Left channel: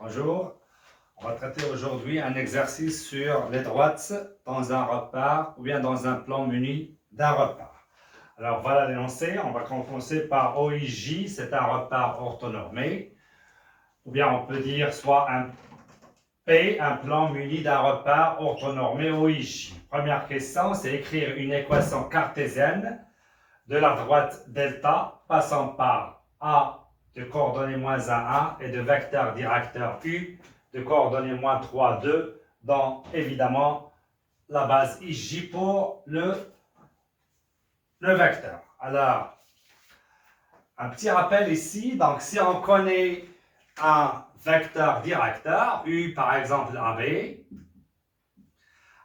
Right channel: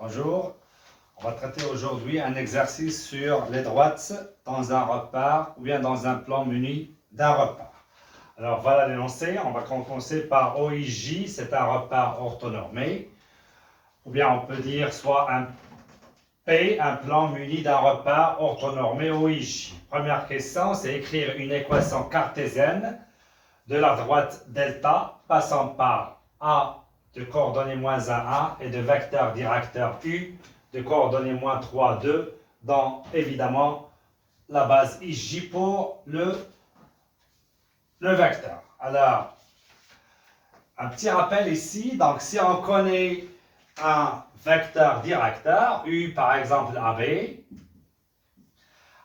Bonjour, on va traiter aujourd'hui un exercice sur les droites dans un repère ou bien dans un plan muni d'un repère. Alors voilà l'énoncé, on va commencer par OIJ, c'est un repère orthonormé, ou bien on peut dire soit un P, un plan muni d'un repère orthonormé OIJ. Première question, c'est écrire une équation cartésienne de la droite delta passant par A de coordonnées moins 1, 1 et de vecteur directeur U de coordonnées moins 3, 2 dans évidemment la base IJ pour le vecteur. Alors, un petit rappel ici, donc si on connaît un vecteur directeur, U par exemple AB,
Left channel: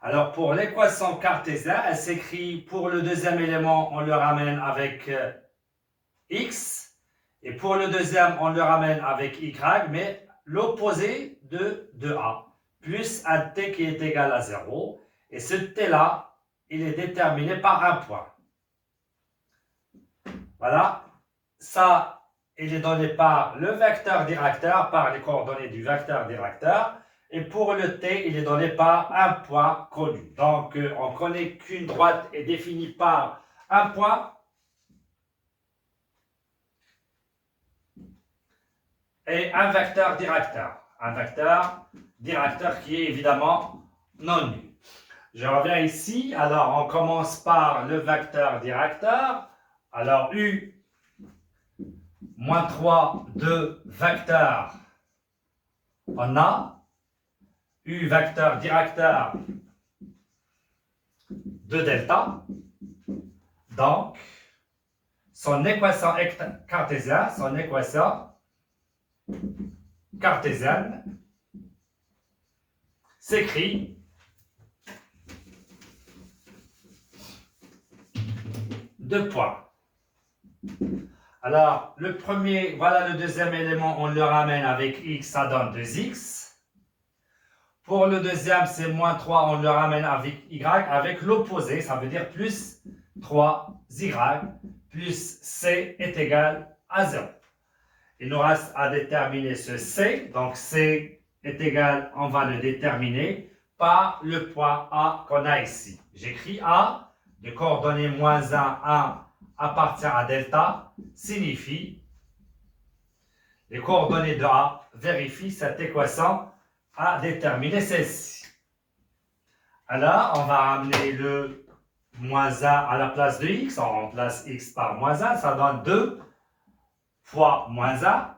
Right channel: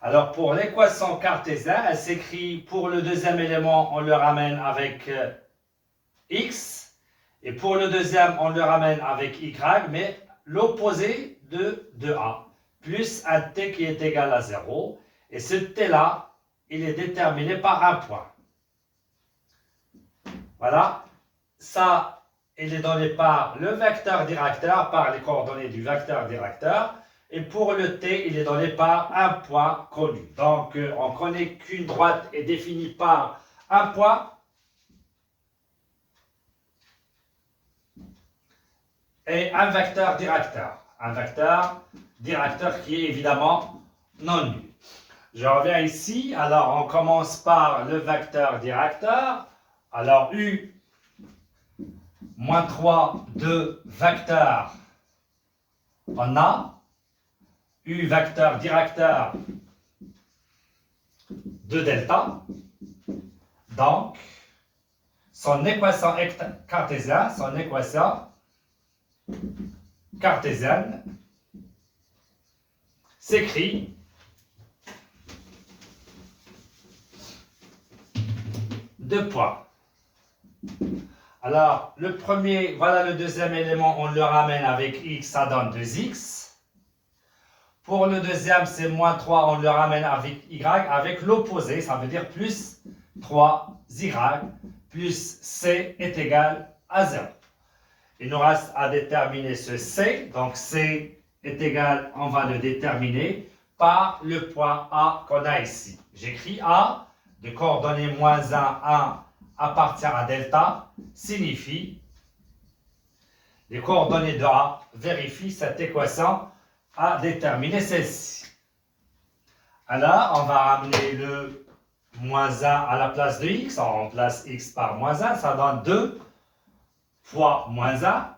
alors pour l'équation cartésienne, elle s'écrit pour le deuxième élément, on le ramène avec X, et pour le deuxième, on le ramène avec Y, mais l'opposé de A, plus un T qui est égal à 0, et ce T-là, il est déterminé par un point. Voilà, ça, il est donné par le vecteur directeur, par les coordonnées du vecteur directeur, et pour le T, il est donné par un point connu. Donc, on connaît qu'une droite est définie par un point, et un vecteur directeur. Un vecteur directeur qui est évidemment non nul. Je reviens ici. Alors, on commence par le vecteur directeur. Alors, U moins 3 de vecteur en A. U vecteur directeur de delta. Donc, son équation cartésienne, s'écrit deux points. Alors, le premier, voilà le deuxième élément, on le ramène avec x, ça donne 2x. Pour le deuxième, c'est moins 3, on le ramène avec y, avec l'opposé, ça veut dire plus 3y, plus c est égal à 0. Il nous reste à déterminer ce C. Donc, C est égal, on va le déterminer par le point A qu'on a ici. J'écris A, de coordonnées moins 1, 1 appartient à delta, signifie les coordonnées de A vérifient cette équation à déterminer celle-ci. Alors, on va ramener le moins 1 à la place de x. On remplace x par moins 1, ça donne 2 fois moins 1,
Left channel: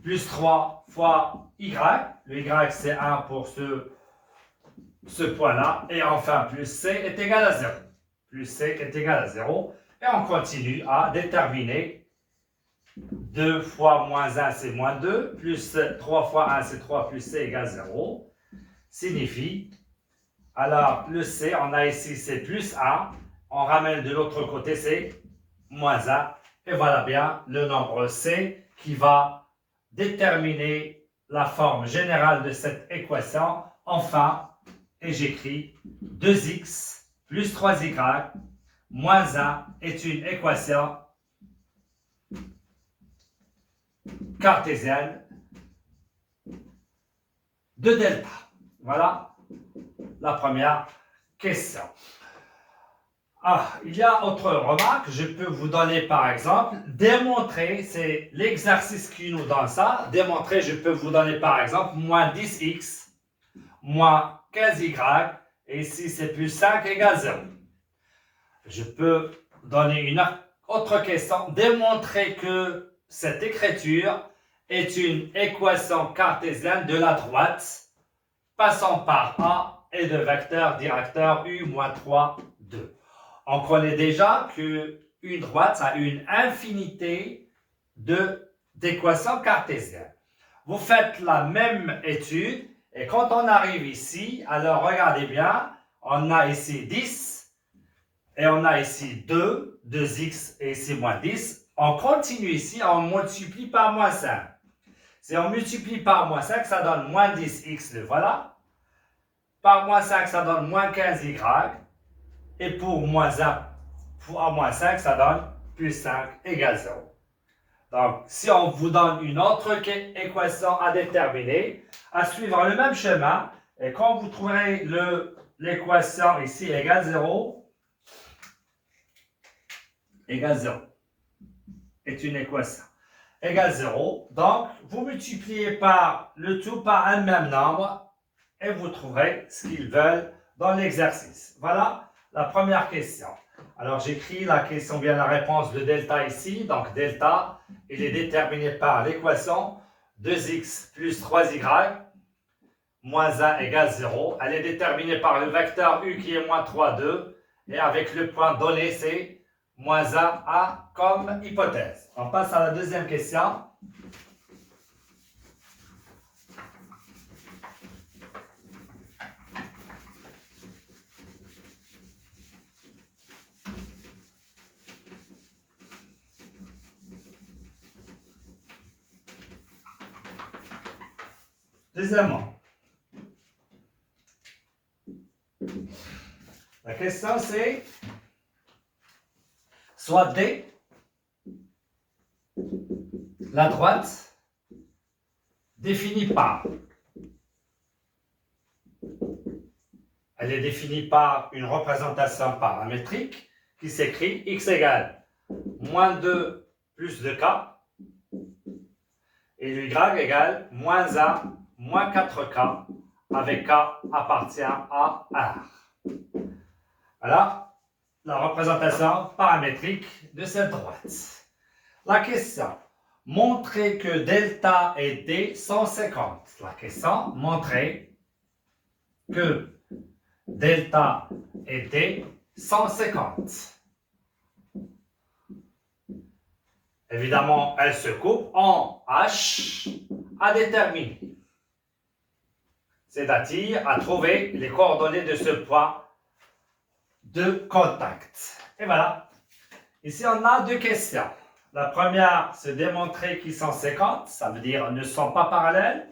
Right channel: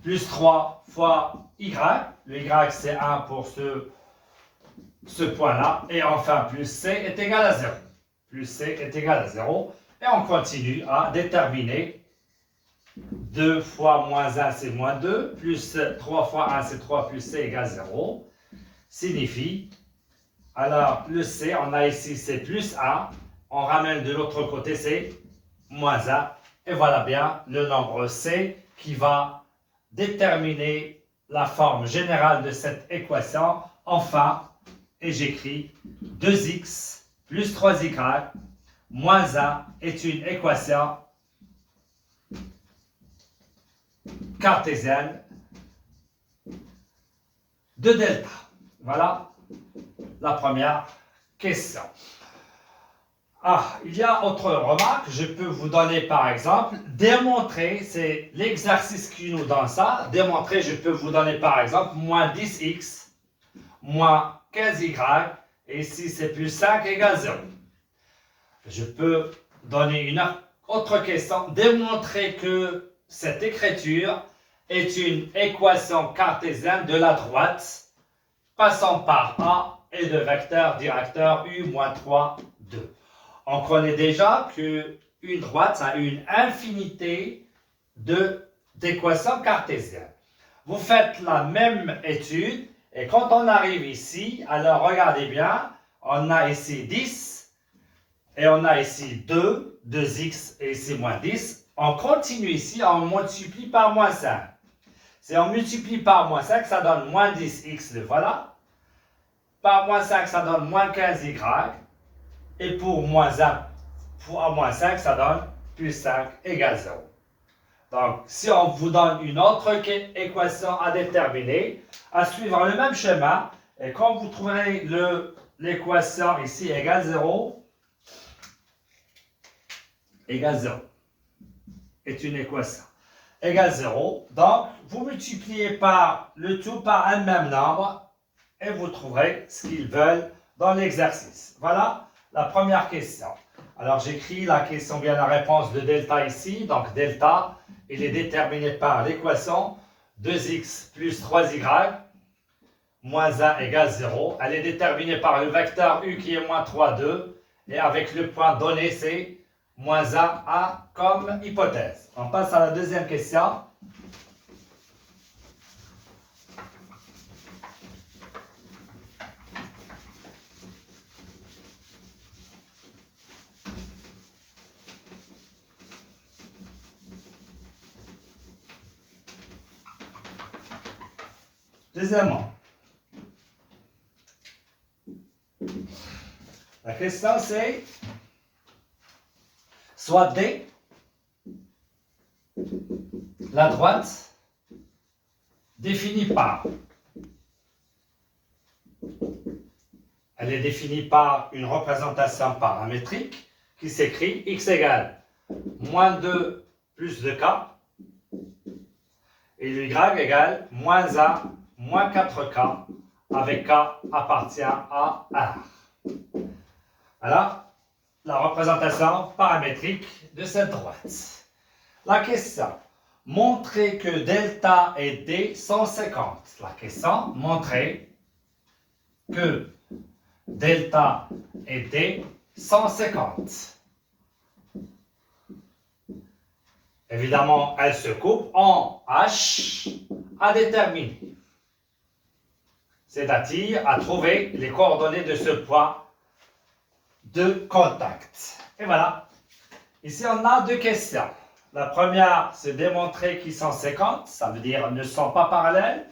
plus 3 fois y. Le y, c'est 1 pour ce point-là. Et enfin, plus c est égal à 0. Plus c est égal à 0. Et on continue à déterminer 2 fois moins 1, c'est moins 2. Plus 3 fois 1, c'est 3, plus c égale 0. Signifie, alors le c, on a ici, c'est plus 1. On ramène de l'autre côté, c'est moins 1. Et voilà bien le nombre C qui va déterminer la forme générale de cette équation. Enfin, et j'écris 2x plus 3y moins 1 est une équation cartésienne de delta. Voilà la première question. Il y a autre remarque, je peux vous donner par exemple, démontrer, c'est l'exercice qui nous donne ça, démontrer, je peux vous donner par exemple, moins 10x, moins 15y, et ici c'est plus 5 égale 0. Je peux donner une autre question, démontrer que cette écriture est une équation cartésienne de la droite, passant par A et de vecteur directeur U moins 3, 2. On connaît déjà qu'une droite a une infinité d'équations cartésiennes. Vous faites la même étude et quand on arrive ici, alors regardez bien, on a ici 10 et on a ici 2, 2x et ici moins 10. On continue ici, on multiplie par moins 5. Si on multiplie par moins 5, ça donne moins 10x, le voilà. Par moins 5, ça donne moins 15y. Et pour moins 1 fois moins 5, ça donne plus 5 égale 0. Donc, si on vous donne une autre équation à déterminer, à suivre le même schéma, et quand vous trouverez l'équation ici égale 0, égale 0, est une équation égale 0. Donc, vous multipliez par le tout par un même nombre et vous trouverez ce qu'ils veulent dans l'exercice. Voilà la première question. Alors, j'écris la question, bien la réponse de delta ici. Donc, delta, il est déterminé par l'équation 2x plus 3y moins 1 égale 0. Elle est déterminée par le vecteur u qui est moins 3, 2. Et avec le point donné, c'est moins 1, a comme hypothèse. On passe à la deuxième question. Deuxièmement, la question c'est soit D, la droite, définie par. Elle est définie par une représentation paramétrique qui s'écrit x égale moins 2 plus 2k et le y égale moins 1 moins 4k avec k appartient à R. Voilà la représentation paramétrique de cette droite. La question, montrer que delta et d sont 50. La question, montrer que delta et d sont 50. Évidemment, elles se coupent en h à déterminer. C'est-à-dire à trouver les coordonnées de ce point de contact. Et voilà. Ici, on a deux questions. La première, c'est démontrer qu'ils sont 50, ça veut dire ne sont pas parallèles.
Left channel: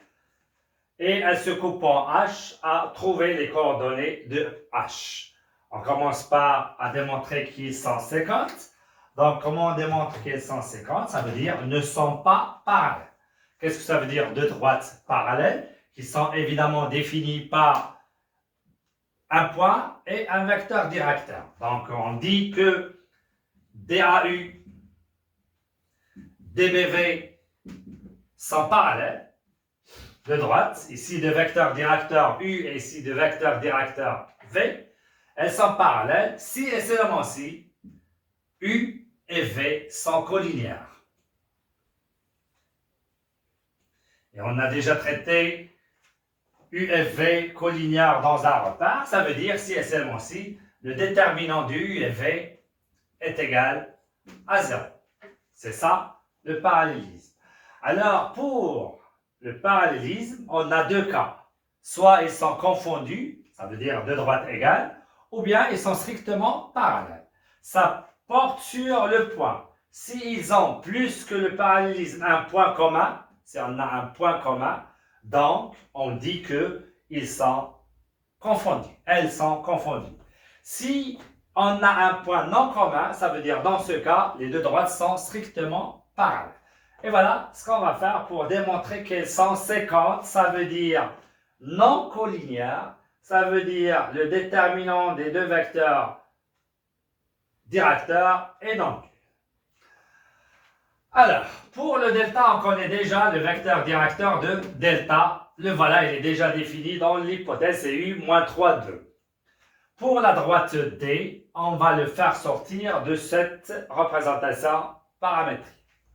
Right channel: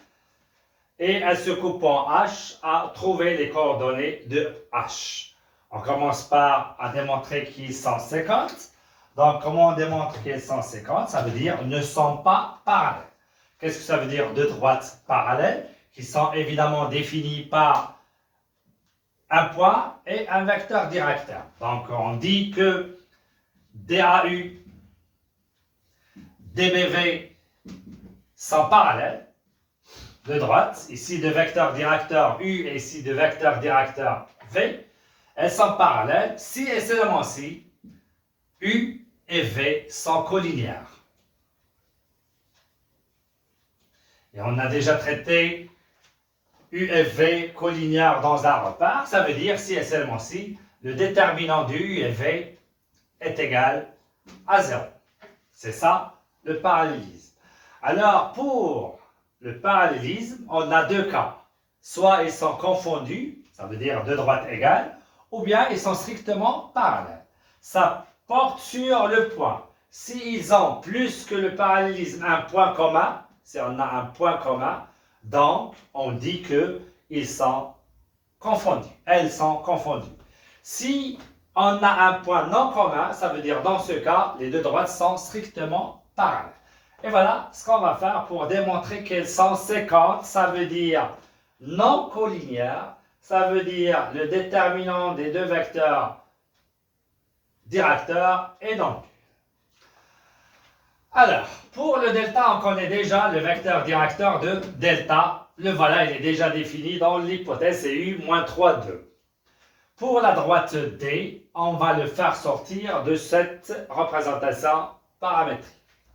Et elles se coupent en h à trouver les coordonnées de h. On commence par à démontrer qu'ils sont 50. Donc, comment on démontre qu'ils sont 50? Ça veut dire ne sont pas parallèles. Qu'est-ce que ça veut dire de droites parallèles? Qui sont évidemment définies par un point et un vecteur directeur. Donc, on dit que DAU, DBV sont parallèles de droite. Ici, de vecteur directeur U et ici, de vecteur directeur V. Elles sont parallèles si et seulement si U et V sont collinéaires. Et on a déjà traité U et V collinéaires dans un repère. Ça veut dire si et seulement si le déterminant de U et V est égal à 0. C'est ça le parallélisme. Alors pour le parallélisme, on a deux cas. Soit ils sont confondus, ça veut dire deux droites égales, ou bien ils sont strictement parallèles. Ça porte sur le point. S'ils ont plus que le parallélisme un point commun, si on a un point commun, donc on dit qu'ils sont confondus. Elles sont confondues. Si on a un point non commun, ça veut dire dans ce cas, les deux droites sont strictement parallèles. Et voilà ce qu'on va faire pour démontrer qu'elles sont 50. Ça veut dire non collinéaires. Ça veut dire le déterminant des deux vecteurs directeurs et donc. Alors, pour le delta, on connaît déjà le vecteur directeur de delta. Le voilà, il est déjà défini dans l'hypothèse CU moins 3, 2. Pour la droite D, on va le faire sortir de cette représentation paramétrique.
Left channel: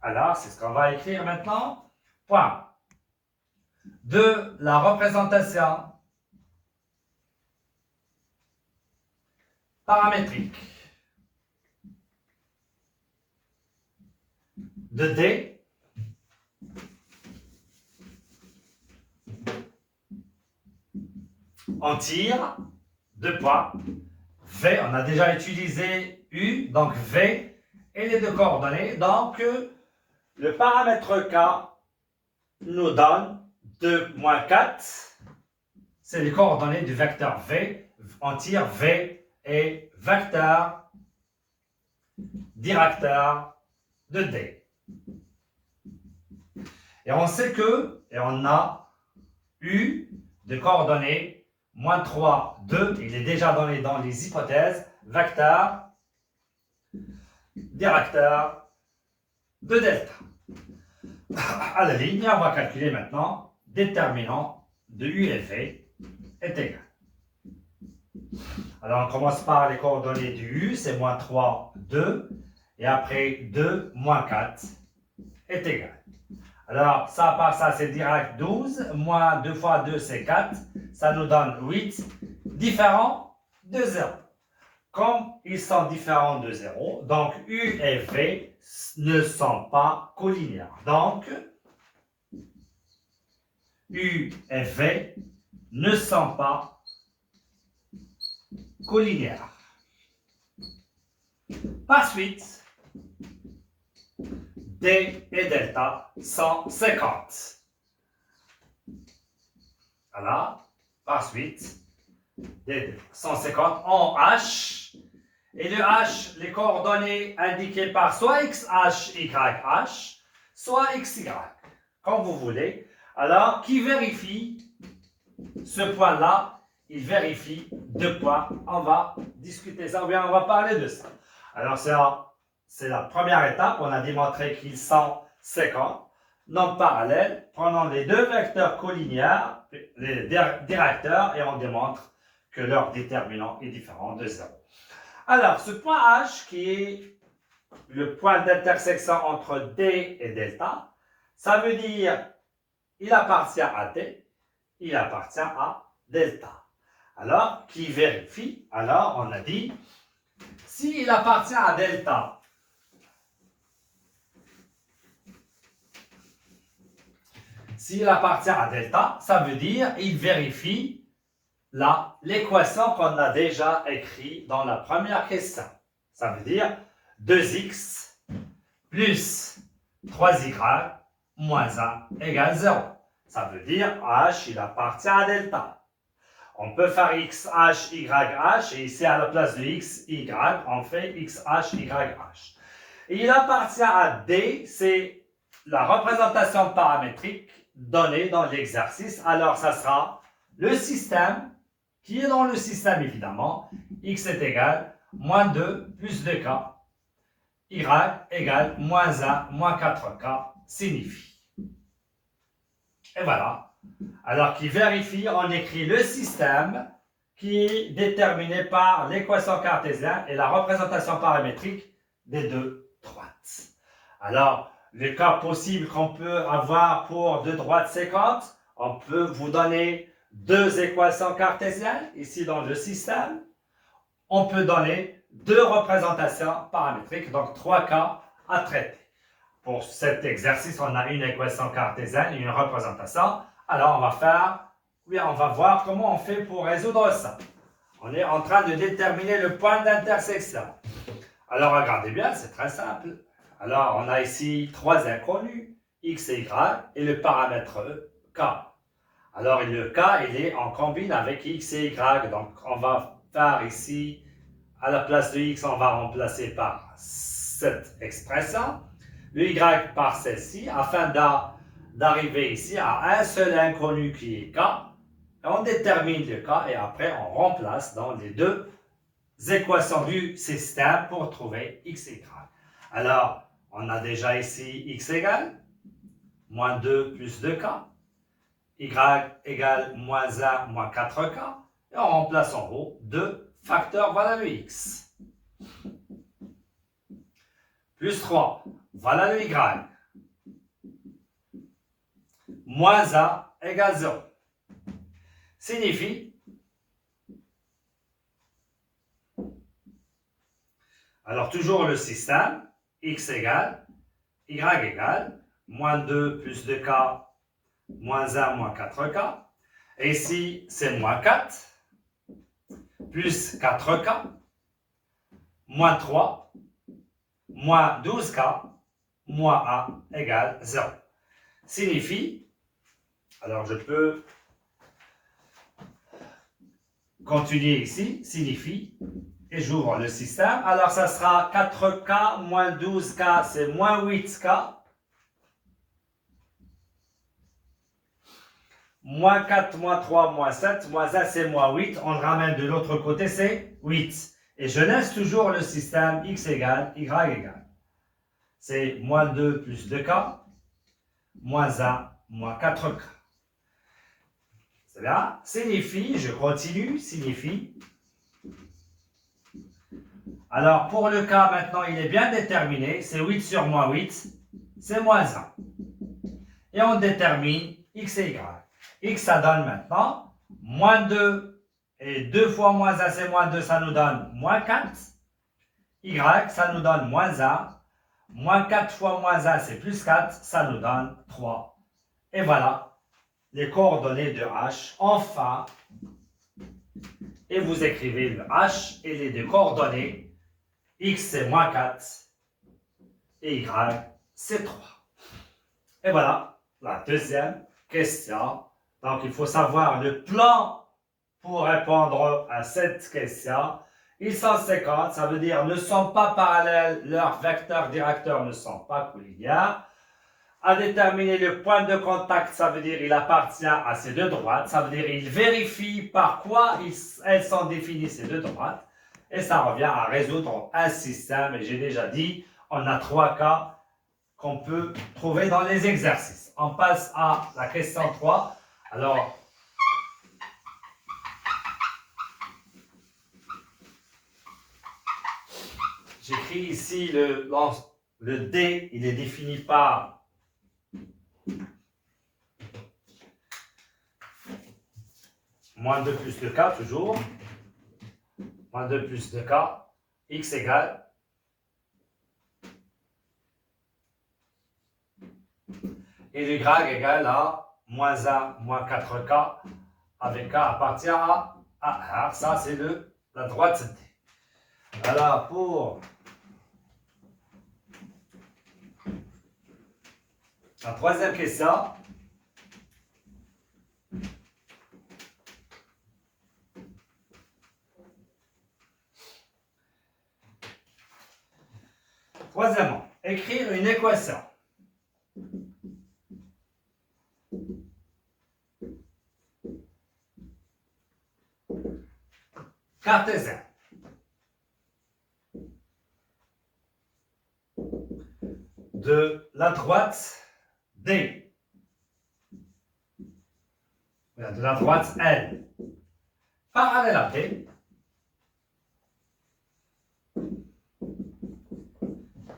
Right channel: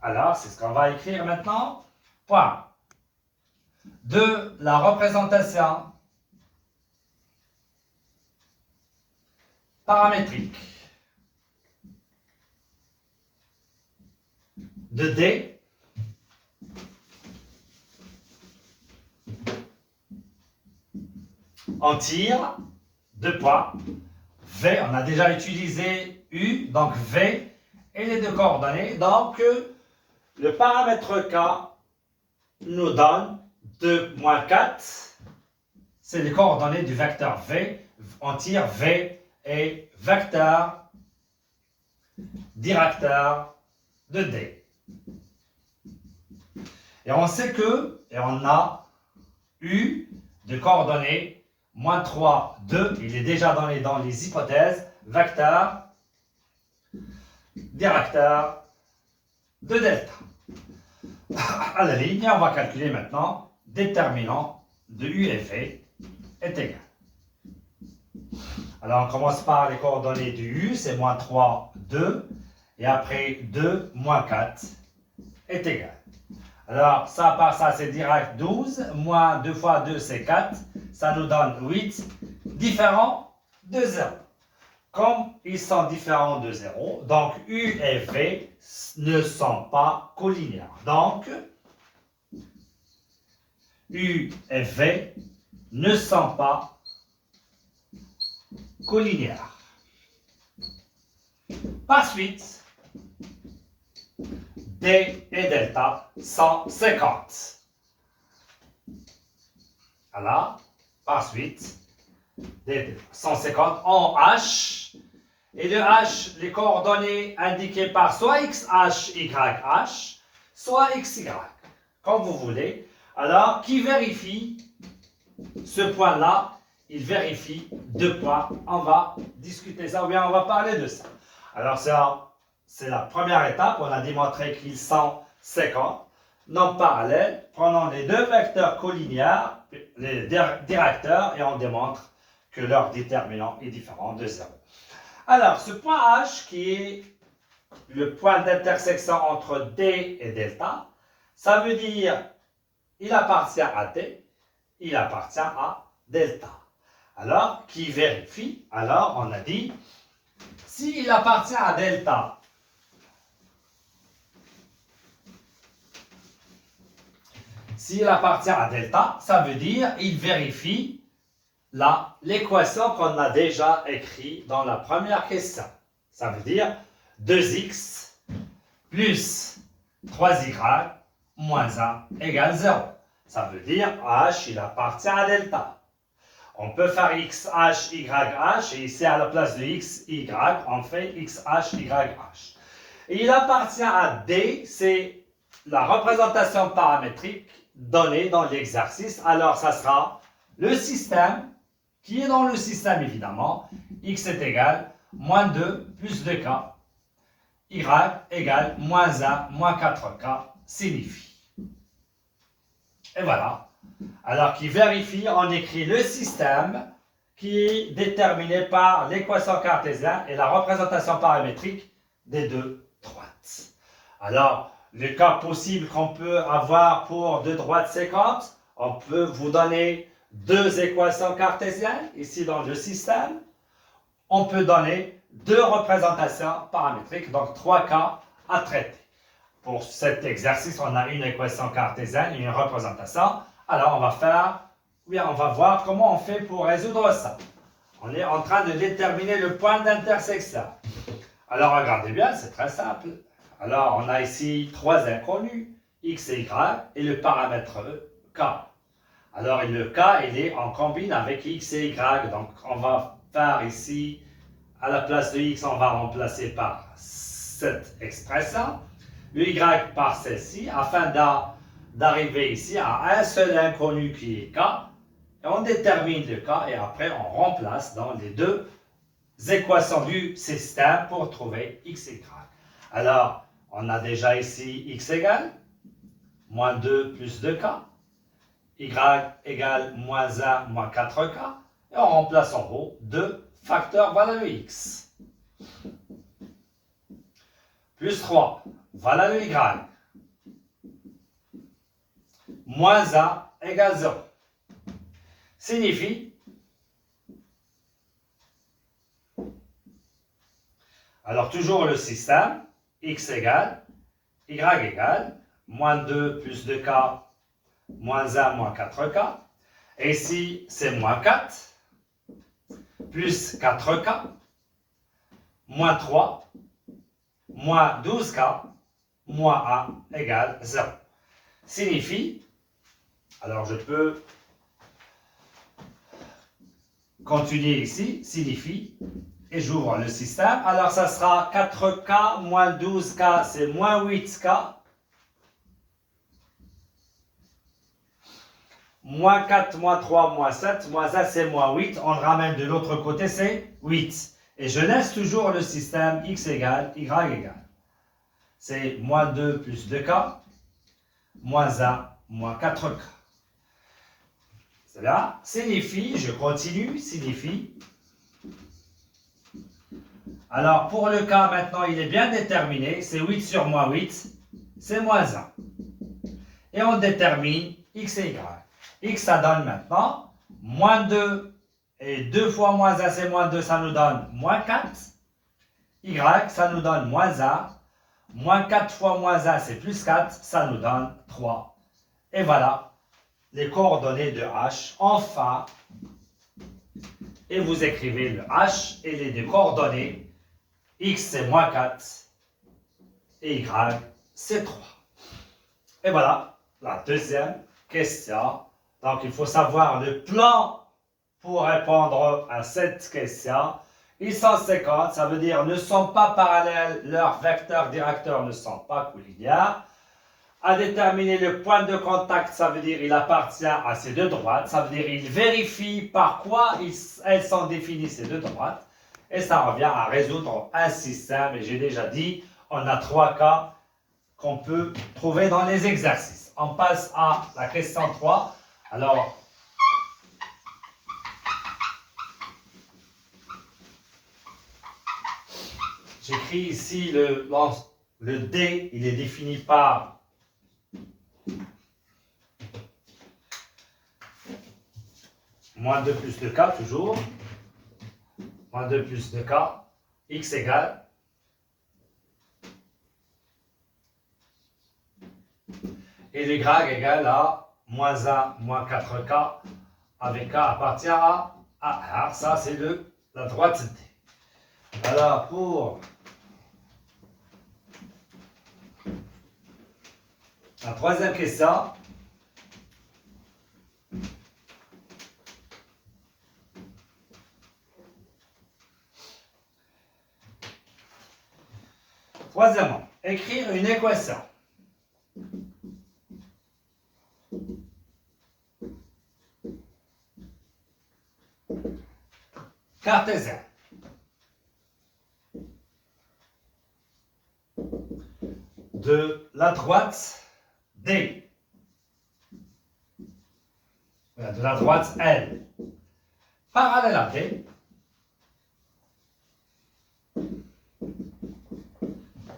Alors, c'est ce qu'on va écrire maintenant. Point. De la représentation paramétrique de D on tire deux points. V, on a déjà utilisé U, donc V et les deux coordonnées. Donc, le paramètre K nous donne 2 moins 4. C'est les coordonnées du vecteur V. On tire V et vecteur directeur de D. Et on sait que, et on a U de coordonnées moins 3, 2, il est déjà donné dans les hypothèses, vecteur, directeur de delta. À la ligne, on va calculer maintenant déterminant de U et V est égal. Alors on commence par les coordonnées du U, c'est moins 3, 2, et après 2, moins 4 est égal. Alors ça par ça c'est direct 12, moins 2 fois 2 c'est 4, ça nous donne 8, différents de 0. Comme ils sont différents de 0, donc U et V ne sont pas collinéaires. Donc, U et V ne sont pas collinéaires. Par suite, D et delta sont 50. Voilà, par suite, D 150 en H. Et le H, les coordonnées indiquées par soit XH, YH, soit XY, comme vous voulez. Alors, qui vérifie ce point-là? Il vérifie deux points. On va discuter ça, ou bien on va parler de ça. Alors, c'est la première étape. On a démontré qu'ils sont 50. Non parallèles. Prenons les deux vecteurs collinéaires, les directeurs, et on démontre que leur déterminant est différent de 0. Alors, ce point H, qui est le point d'intersection entre D et delta, ça veut dire il appartient à D, il appartient à delta. Alors, qui vérifie? Alors, on a dit, s'il appartient à delta, ça veut dire il vérifie l'équation qu'on a déjà écrite dans la première question. Ça veut dire 2x plus 3y moins 1 égale 0. Ça veut dire h, il appartient à delta. On peut faire xh, yh, et ici à la place de x, y, on fait xh, yh. Et il appartient à D, c'est la représentation paramétrique donnée dans l'exercice. Alors ça sera le système qui est dans le système évidemment, x est égal moins 2 plus 2k, y égale moins 1 moins 4k signifie. Et voilà. Alors qui vérifie, on écrit le système qui est déterminé par l'équation cartésienne et la représentation paramétrique des deux droites. Alors, le cas possible qu'on peut avoir pour deux droites séquentes, on peut vous donner deux équations cartésiennes, ici dans le système. On peut donner deux représentations paramétriques, donc 3 cas à traiter. Pour cet exercice, on a une équation cartésienne et une représentation. Alors, on va voir comment on fait pour résoudre ça. On est en train de déterminer le point d'intersection. Alors, regardez bien, c'est très simple. Alors, on a ici trois inconnus, x et y, et le paramètre k. Alors, le k, on combine avec x et y. Donc, on va faire ici, à la place de x, on va remplacer par cette expression. Le y par celle-ci, afin d'arriver ici à un seul inconnu qui est k. Et on détermine le k et après, on remplace dans les deux équations du système pour trouver x et y. Alors, on a déjà ici x égale moins 2 plus 2k. Y égale moins 1 moins 4k. Et on remplace en haut 2 facteurs, voilà le x. Plus 3, voilà le y. Moins 1 égale 0. Signifie, alors toujours le système, x égale, y égale, moins 2 plus 2k, moins 1 moins 4k. Et ici, c'est moins 4, plus 4k, moins 3, moins 12k, moins 1 égale 0. Signifie, alors je peux continuer ici, signifie, et j'ouvre le système. Alors ça sera 4k moins 12k, c'est moins 8k. moins 4, moins 3, moins 7, moins 1, c'est moins 8. On le ramène de l'autre côté, c'est 8. Et je laisse toujours le système x égale y égale. C'est moins 2 plus 2k, moins 1, moins 4k. Cela signifie, je continue, signifie. Alors, pour le cas, maintenant, il est bien déterminé. C'est 8 sur moins 8, c'est moins 1. Et on détermine x et y. X, ça donne maintenant moins 2. Et 2 fois moins 1, c'est moins 2, ça nous donne moins 4. Y, ça nous donne moins 1. Moins 4 fois moins 1, c'est plus 4. Ça nous donne 3. Et voilà les coordonnées de h. Enfin, et vous écrivez le h et les deux coordonnées. X, c'est moins 4. Et y, c'est 3. Et voilà la deuxième question. Donc, il faut savoir le plan pour répondre à cette question. Ils sont 50, ça veut dire ne sont pas parallèles, leurs vecteurs directeurs ne sont pas collinéaires. À déterminer le point de contact, ça veut dire il appartient à ces deux droites. Ça veut dire il vérifie par quoi elles sont définies ces deux droites. Et ça revient à résoudre un système. Et j'ai déjà dit, on a 3 cas qu'on peut trouver dans les exercices. On passe à la question 3. Alors, j'écris ici le D, il est défini par moins 2 plus 2K, toujours. Moins 2 plus 2K, X égale. Et le Y égale à moins 1, moins 4K, avec K appartient à A. Ça, c'est la droite D. Alors, pour la troisième question, troisièmement, écrire une équation. Cartésienne. De la droite D. De la droite L. Parallèle à D.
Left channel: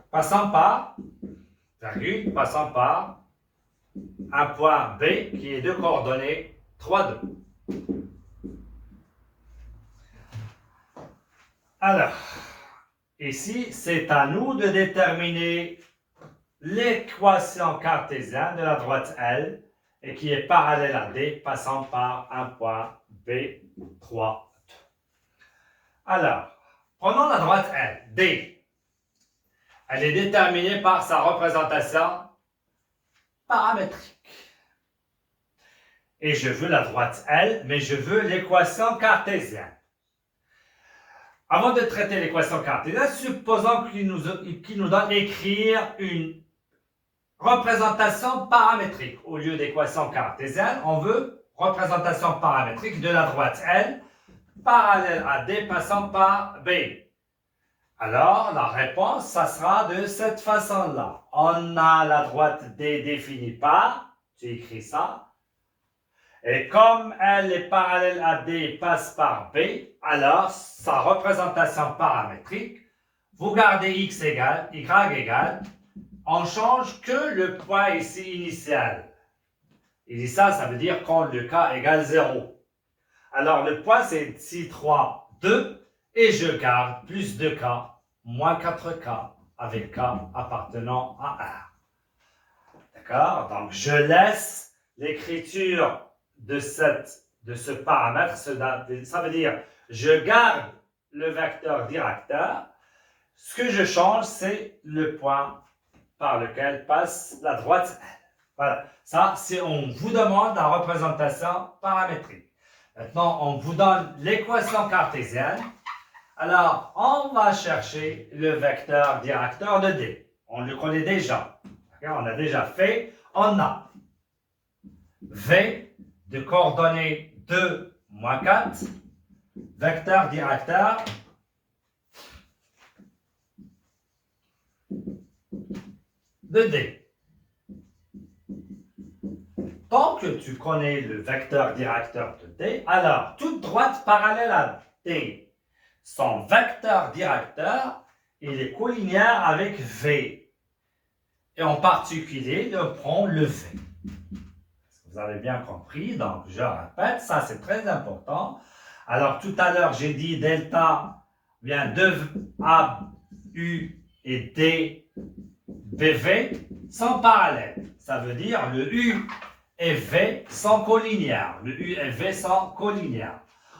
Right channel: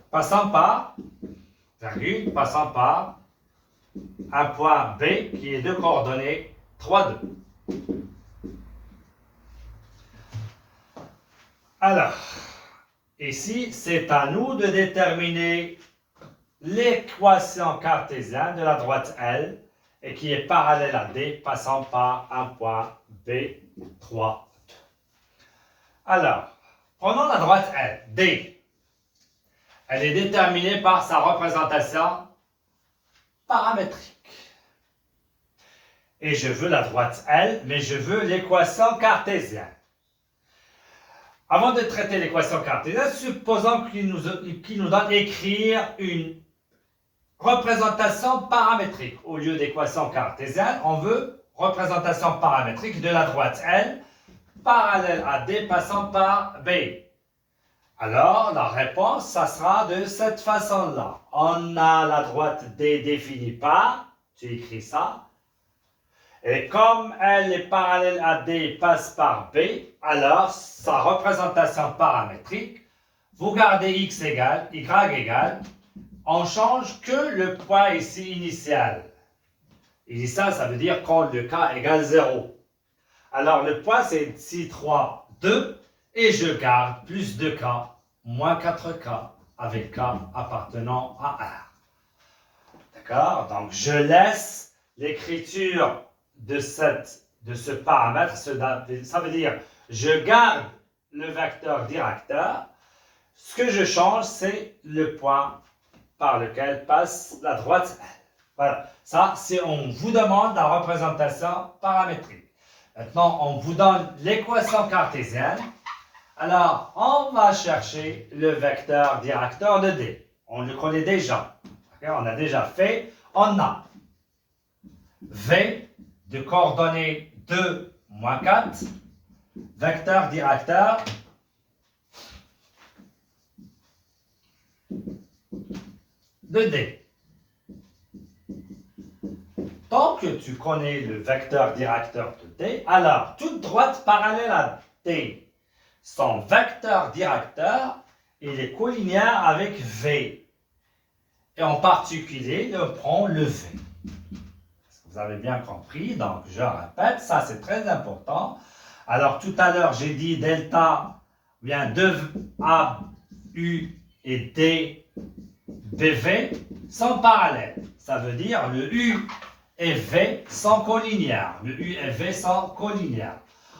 Passant par, virgule, passant par un point B qui est de coordonnées 3, 2. Alors, ici, c'est à nous de déterminer l'équation cartésienne de la droite L et qui est parallèle à D passant par un point B, 3, 2. Alors, prenons la droite L, D. Elle est déterminée par sa représentation paramétrique. Et je veux la droite L, mais je veux l'équation cartésienne. Avant de traiter l'équation cartésienne, supposons qu'il nous donne écrire une représentation paramétrique. Au lieu d'équation cartésienne, on veut représentation paramétrique de la droite L, parallèle à D passant par B. Alors, la réponse, ça sera de cette façon-là. On a la droite D définie par, tu écris ça, et comme elle est parallèle à D et passe par B, alors sa représentation paramétrique, vous gardez x égale, y égale, on change que le point ici initial. Initial, ça veut dire quand le k égale 0. Alors le point c'est ici 3, 2, et je garde plus 2k, moins 4k, avec k appartenant à 1. D'accord? Donc je laisse l'écriture de ce paramètre, ça veut dire je garde le vecteur directeur. Ce que je change, c'est le point par lequel passe la droite L. Voilà, ça c'est on vous demande la représentation paramétrique. Maintenant, on vous donne l'équation cartésienne. Alors, on va chercher le vecteur directeur de D. On le connaît déjà. Okay? On a déjà fait. On a V de coordonnées 2, moins 4, vecteur directeur de D. Tant que tu connais le vecteur directeur de D, alors toute droite parallèle à D, son vecteur directeur, il est collinéaire avec V. Et en particulier, on prend le V. Vous avez bien compris, donc je répète, ça c'est très important. Alors tout à l'heure, j'ai dit delta vient de A, U et D, BV sont parallèles. Ça veut dire le U et V sont collinéaires. Le U et V sont collinéaires.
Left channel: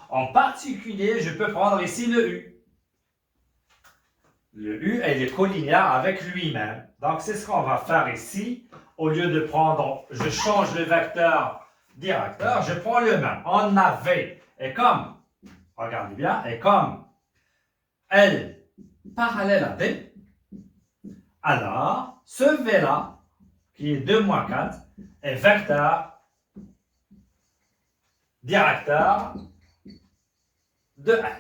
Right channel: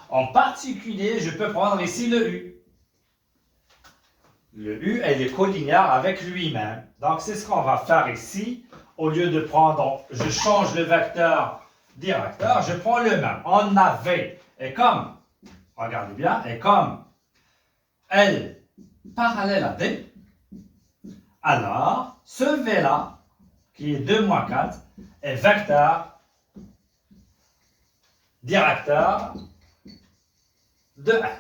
En particulier, je peux prendre ici le U. Le U, elle est collinéaire avec lui-même. Donc, c'est ce qu'on va faire ici. Au lieu de prendre, je change le vecteur directeur, je prends le même. On a V. Et comme, regardez bien, et comme L parallèle à D, alors, ce V-là, qui est 2 moins 4, est vecteur directeur de L.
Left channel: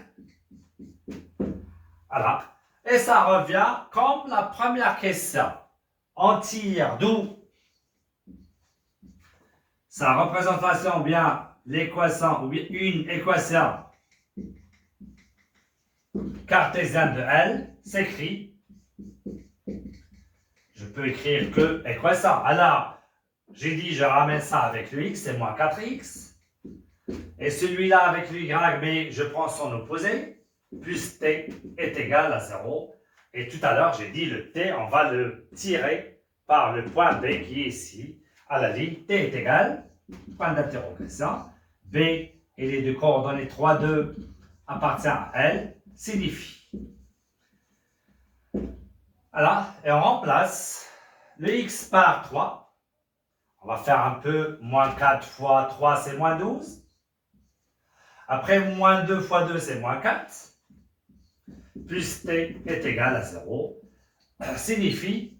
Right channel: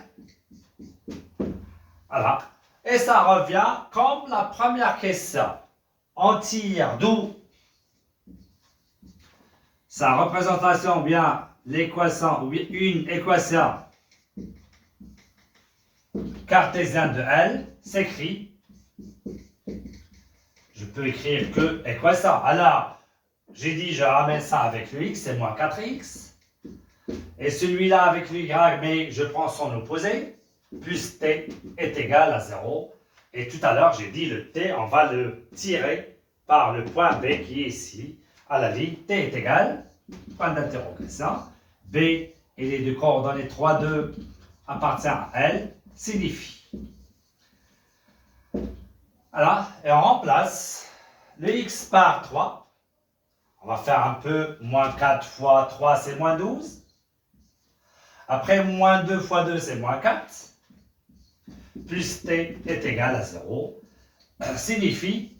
Voilà. Et ça revient comme la première question. On tire d'où sa représentation ou bien l'équation ou bien une équation cartésienne de L s'écrit. Je peux écrire que équation. Alors, j'ai dit je ramène ça avec le x, c'est moins 4x. Et celui-là avec le y, mais je prends son opposé. Plus t est égal à 0. Et tout à l'heure, j'ai dit le t, on va le tirer par le point B qui est ici, à la ligne. T est égal, point d'interrogation. B, il est de coordonnées 3, 2, appartient à L, signifie. Voilà, et on remplace le x par 3. On va faire un peu, moins 4 fois 3, c'est moins 12. Après, moins 2 fois 2, c'est moins 4. Plus t est égal à 0, signifie,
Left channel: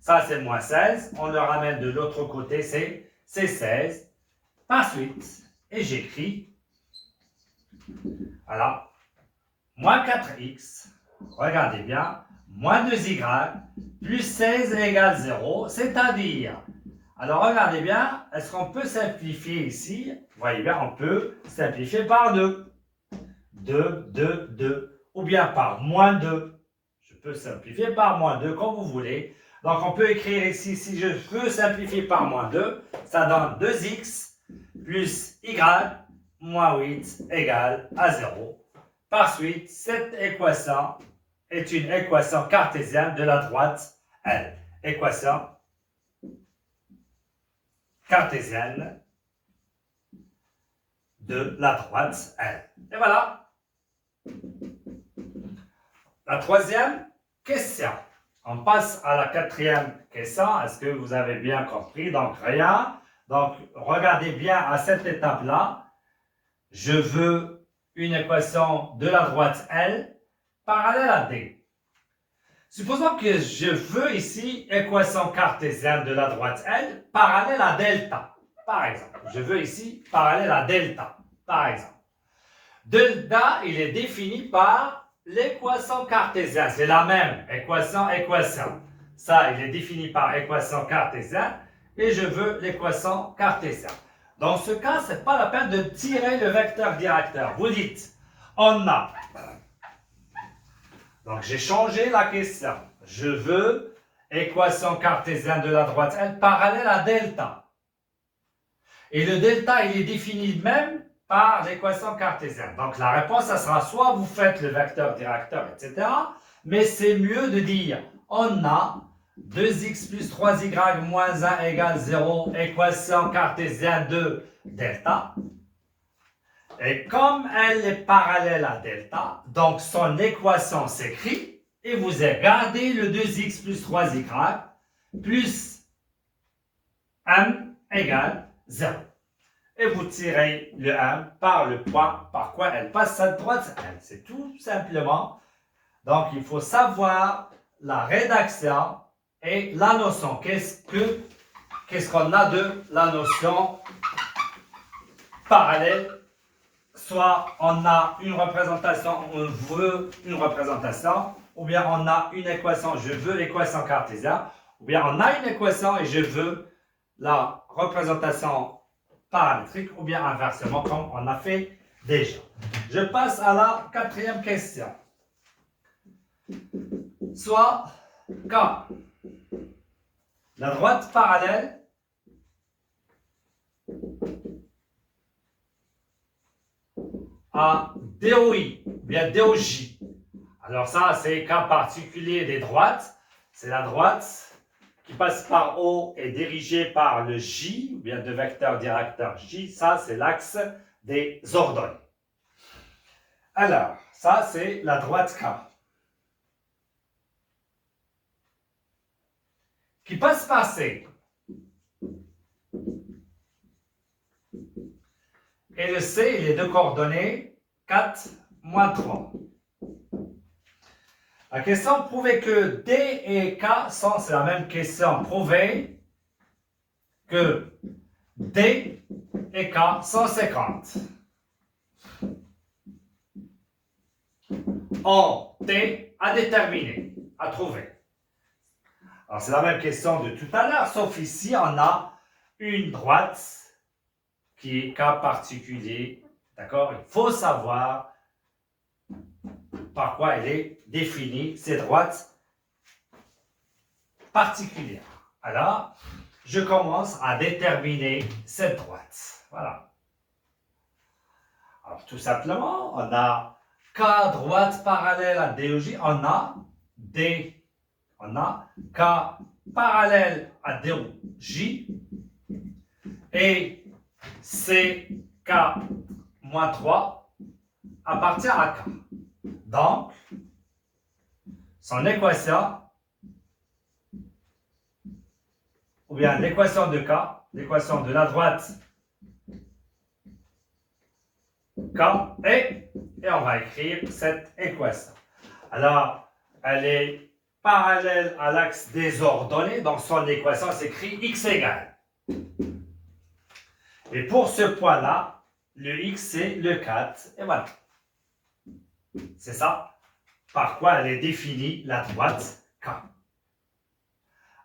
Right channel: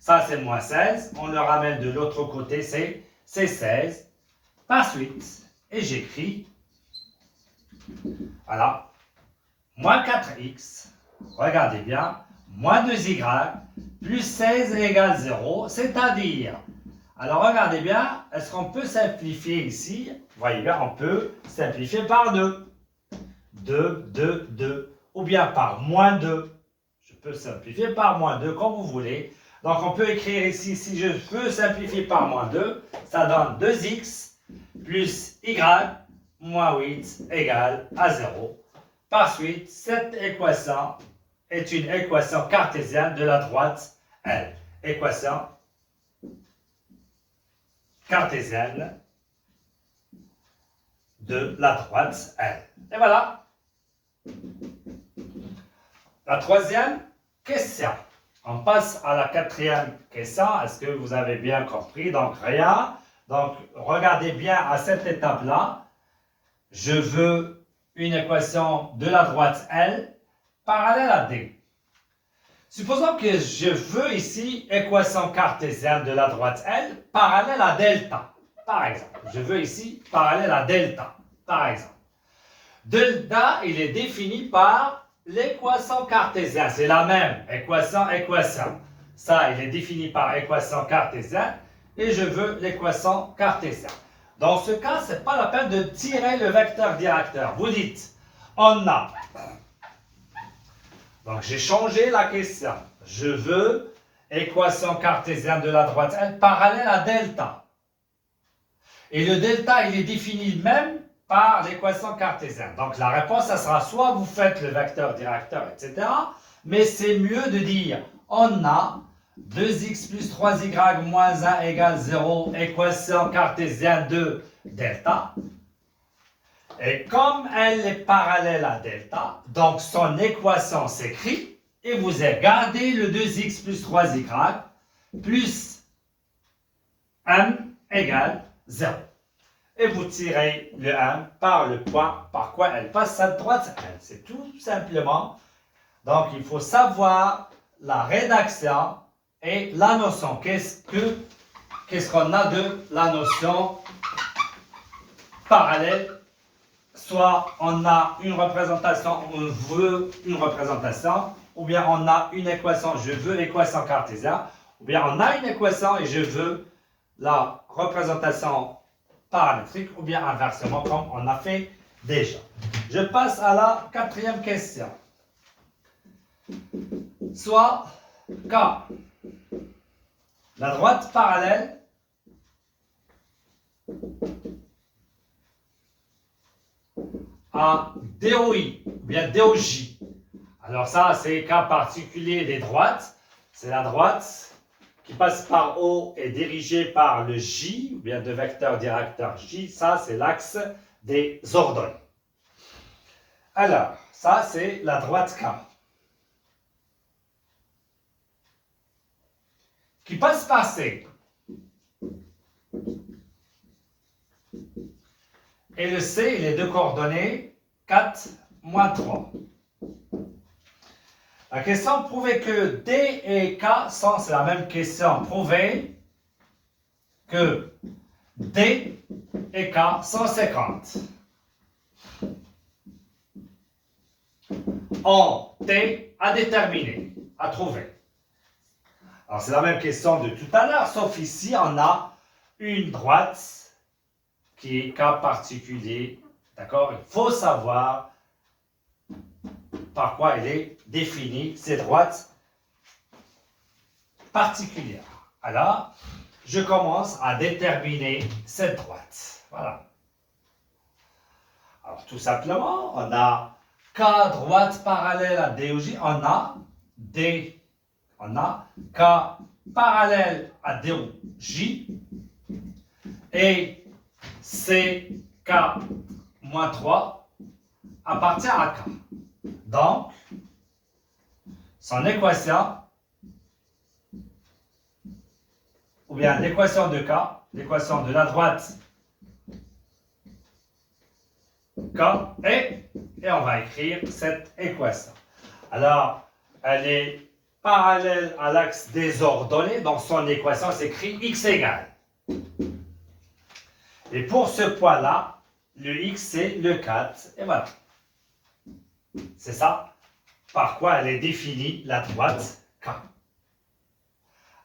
ça c'est moins 16, on le ramène de l'autre côté, c'est 16, par suite, et j'écris, voilà, moins 4x, regardez bien, moins 2y, plus 16 égale 0, c'est-à-dire, alors regardez bien, est-ce qu'on peut simplifier ici? Vous voyez bien, on peut simplifier par 2. 2, 2, 2. Ou bien par moins 2. Je peux simplifier par moins 2, comme vous voulez. Donc, on peut écrire ici, si je veux simplifier par moins 2, ça donne 2x plus y moins 8 égale à 0. Par suite, cette équation est une équation cartésienne de la droite L. Équation cartésienne de la droite L. Et voilà. La troisième question. On passe à la quatrième question. Est-ce que vous avez bien compris? Donc, rien. Donc, regardez bien à cette étape-là. Je veux une équation de la droite L parallèle à D. Supposons que je veux ici équation cartésienne de la droite L parallèle à delta. Par exemple, je veux ici parallèle à delta. Par exemple. Delta, il est défini par l'équation cartésienne. C'est la même équation. Ça, il est défini par équation cartésienne et je veux l'équation cartésienne. Dans ce cas, ce n'est pas la peine de tirer le vecteur directeur. Vous dites, on a. Donc, j'ai changé la question. Je veux équation cartésienne de la droite L parallèle à delta. Et le delta, il est défini même par l'équation cartésienne. Donc, la réponse, ça sera soit vous faites le vecteur directeur, etc. Mais c'est mieux de dire, on a 2x plus 3y moins 1 égale 0, équation cartésienne de delta. Et comme elle est parallèle à delta, donc son équation s'écrit, et vous gardez le 2x plus 3y plus m égale 0. Et vous tirez le 1 par le point par quoi elle passe à droite. C'est tout simplement. Donc, il faut savoir la rédaction et la notion. Qu'est-ce qu'on a de la notion parallèles, soit on a une représentation, on veut une représentation, ou bien on a une équation, je veux l'équation cartésienne, ou bien on a une équation et je veux la représentation paramétrique, ou bien inversement, comme on a fait déjà. Je passe à la quatrième question. Soit K, la droite parallèle à DOI, ou bien DOJ. Alors ça, c'est cas particulier des droites. C'est la droite qui passe par O et dirigée par le J, ou bien de vecteur directeur J. Ça, c'est l'axe des ordonnées. Alors, ça, c'est la droite K. Qui passe par C. Et le C, il est de coordonnées 4, moins 3. La question, prouver que D et K sont, c'est la même question, prouver que D et K sont 50. En T à déterminer, à trouver. Alors c'est la même question de tout à l'heure, sauf ici on a une droite qui est cas particulier, d'accord? Il faut savoir par quoi elle est définie, ces droites particulières. Alors, je commence à déterminer cette droite. Voilà. Alors, tout simplement, on a K droite parallèle à DOJ, on a D, on a K parallèle à DOJ et CK moins 3 appartient à K. Donc, son équation, ou bien l'équation de K, l'équation de la droite K, et on va écrire cette équation. Alors, elle est parallèle à l'axe des ordonnées, donc son équation s'écrit x égale. Et pour ce point-là, le x c'est le 4, et voilà. C'est ça par quoi elle est définie, la droite K.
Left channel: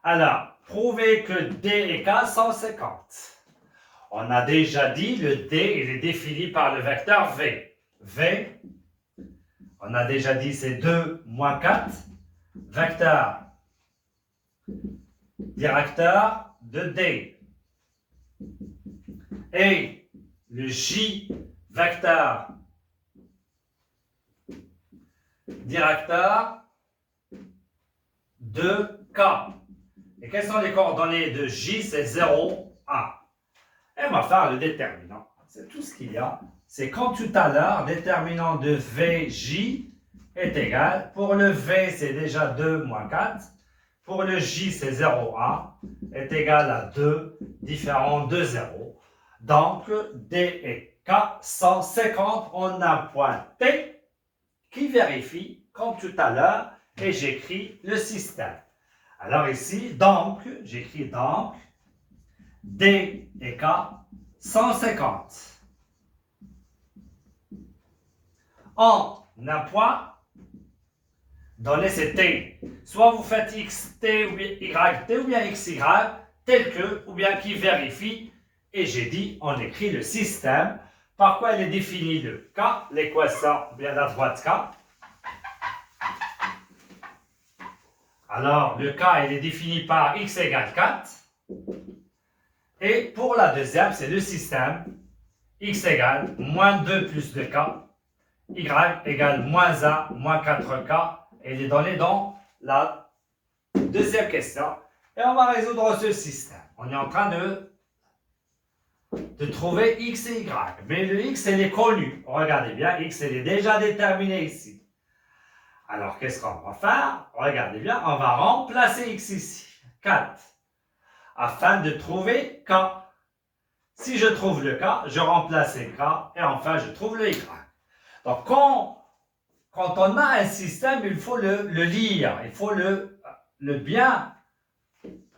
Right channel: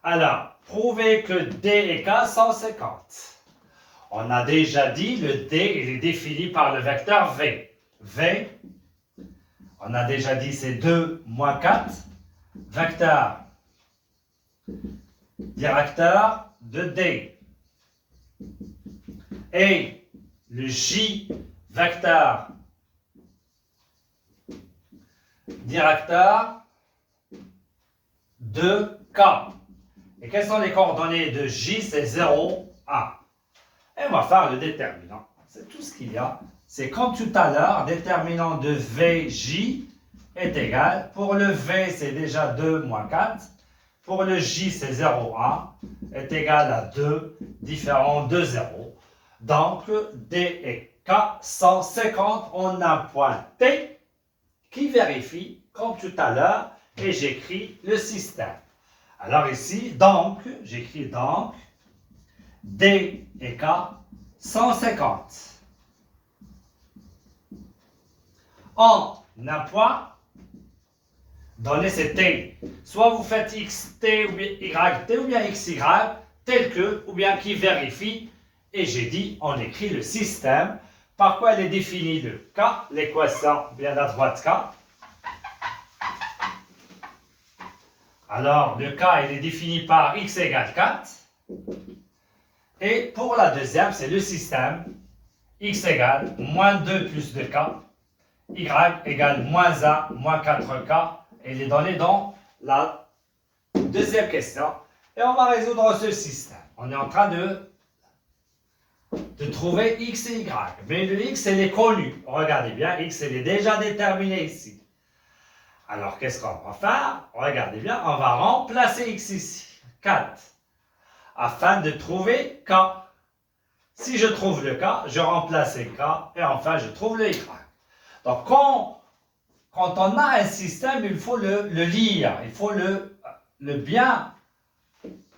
Alors, prouver que D et K sont 50. On a déjà dit, le D il est défini par le vecteur V. V, on a déjà dit c'est 2 moins 4, vecteur directeur de D. Et le J, vecteur directeur de K. Et quelles sont les coordonnées de J? C'est 0, 1. Et on va faire le déterminant. C'est tout ce qu'il y a. C'est comme tout à l'heure, déterminant de VJ est égal. Pour le V, c'est déjà 2 moins 4. Pour le J, c'est 0, 1. Est égal à 2, différent de 0. Donc, D et K sont 50. On a un point T qui vérifie, comme tout à l'heure, et j'écris le système. Alors ici, donc, j'écris donc, D et K, 150. En un point, donné c'est T. Soit vous faites XT ou bien YT ou bien XY, tel que, ou bien qui vérifie. Et j'ai dit, on écrit le système. Par quoi elle est définie de K, l'équation bien la droite K. Alors, le K, il est défini par x égale 4. Et pour la deuxième, c'est le système x égale moins 2 plus 2k, y égale moins 1 moins 4k. Et il est donné dans la deuxième question. Et on va résoudre ce système. On est en train de trouver x et y. Mais le x, il est connu. Regardez bien, x, il est déjà déterminé ici. Alors, qu'est-ce qu'on va faire? Regardez bien, on va remplacer x ici, 4, afin de trouver k. Si je trouve le k, je remplace k, et enfin, je trouve le y. Donc, quand on a un système, il faut le lire, il faut le bien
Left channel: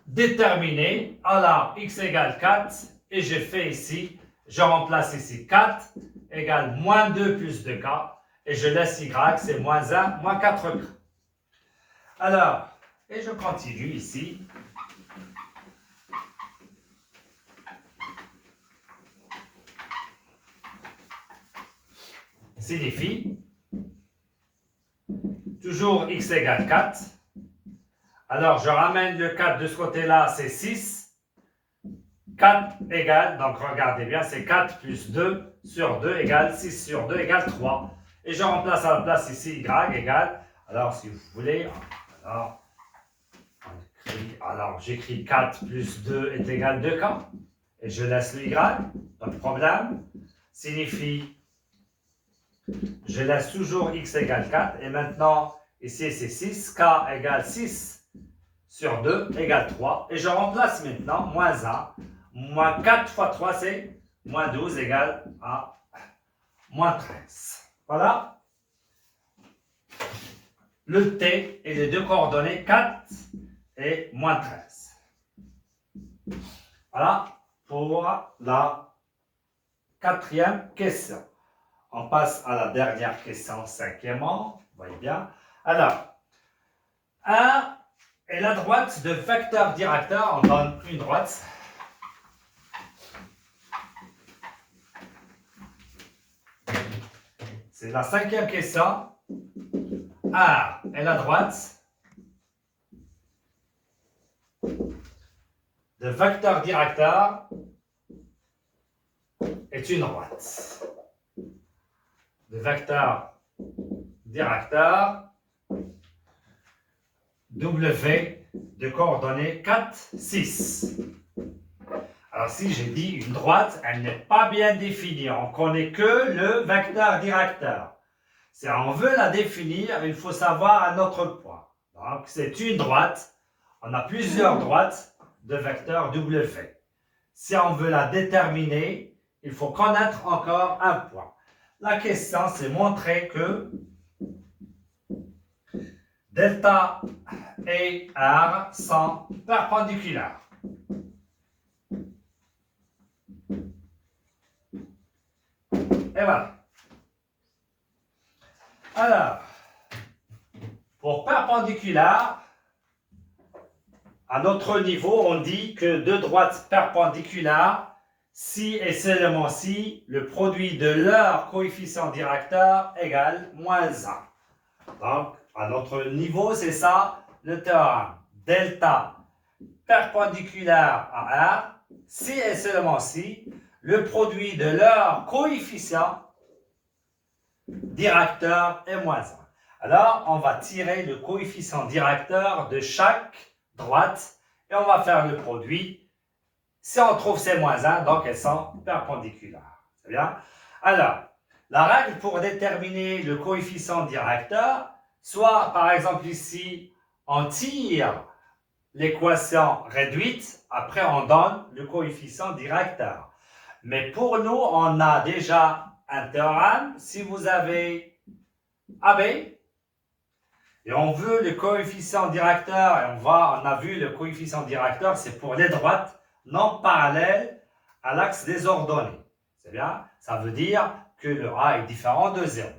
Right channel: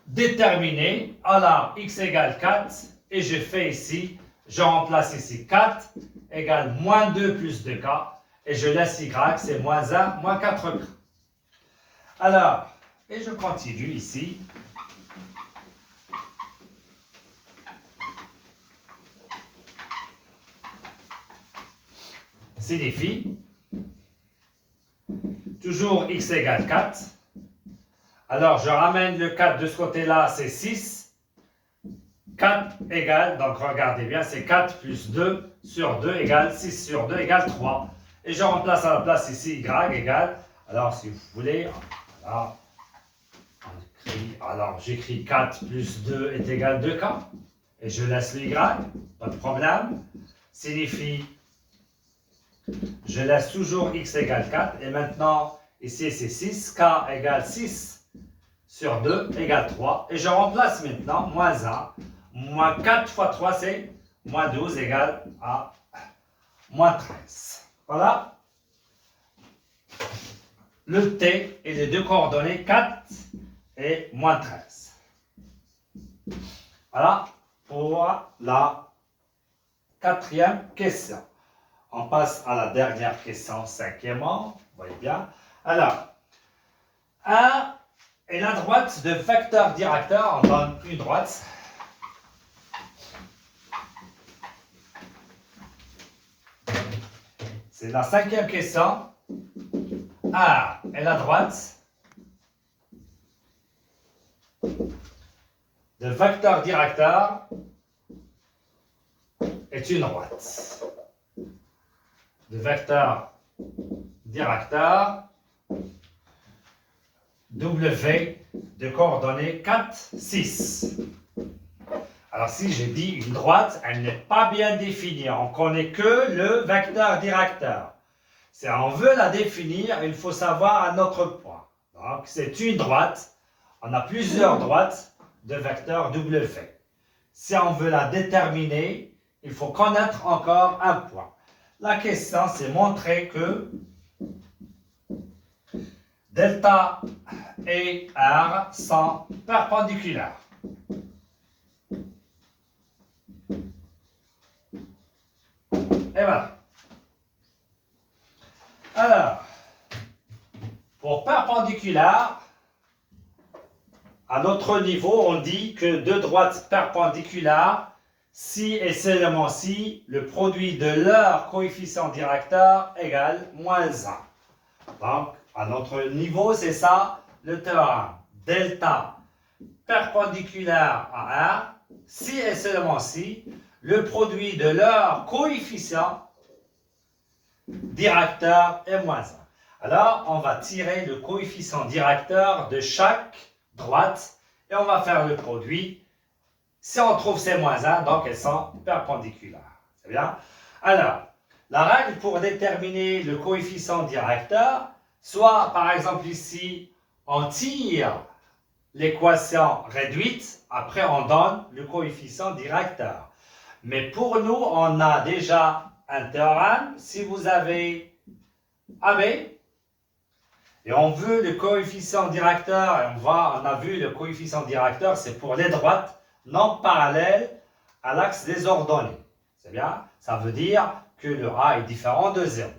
déterminer. Alors, x égale 4, et je fais ici Je remplace ici 4 égale moins 2 plus 2k. Et je laisse y, c'est moins 1, moins 4k. Alors, et je continue ici. Signifie toujours x égale 4. Alors, je ramène le 4 de ce côté-là, c'est 6. 4 égale, donc regardez bien, c'est 4 plus 2 sur 2 égale 6 sur 2 égale 3. Et je remplace à la place ici y égale, alors si vous voulez, alors j'écris 4 plus 2 est égal 2k. Et je laisse le y, pas de problème. Signifie, je laisse toujours x égale 4. Et maintenant, ici c'est 6, k égale 6 sur 2 égale 3. Et je remplace maintenant moins 1. Moins 4 fois 3, c'est moins 12 égale à moins 13. Voilà. Le t et les deux coordonnées 4 et moins 13. Voilà pour la quatrième question. On passe à la dernière question, cinquièmement. Vous voyez bien. Alors, 1 est la droite de vecteur directeur. On donne une droite. C'est la cinquième question. 1 est la droite de vecteur directeur est une droite. De vecteur directeur W de coordonnées 4, 6. Alors si j'ai dit une droite, elle n'est pas bien définie. On ne connaît que le vecteur directeur. Si on veut la définir, il faut savoir un autre point. Donc c'est une droite. On a plusieurs droites de vecteur W. Si on veut la déterminer, il faut connaître encore un point. La question, c'est montrer que delta et R sont perpendiculaires. Et voilà. Alors, pour perpendiculaire, à notre niveau, on dit que deux droites perpendiculaires, si et seulement si, le produit de leur coefficient directeur égale moins 1. Donc, à notre niveau, c'est ça le théorème. Delta perpendiculaire à R, si et seulement si, le produit de leur coefficient directeur est moins 1. Alors, on va tirer le coefficient directeur de chaque droite et on va faire le produit. Si on trouve ces moins 1, donc elles sont perpendiculaires. C'est bien? Alors, la règle pour déterminer le coefficient directeur, soit par exemple ici, on tire l'équation réduite, après on donne le coefficient directeur. Mais pour nous, on a déjà un théorème. Si vous avez AB, et on veut le coefficient directeur, et on a vu le coefficient directeur, c'est pour les droites non parallèles à l'axe des ordonnées. C'est bien? Ça veut dire que le A est différent de 0.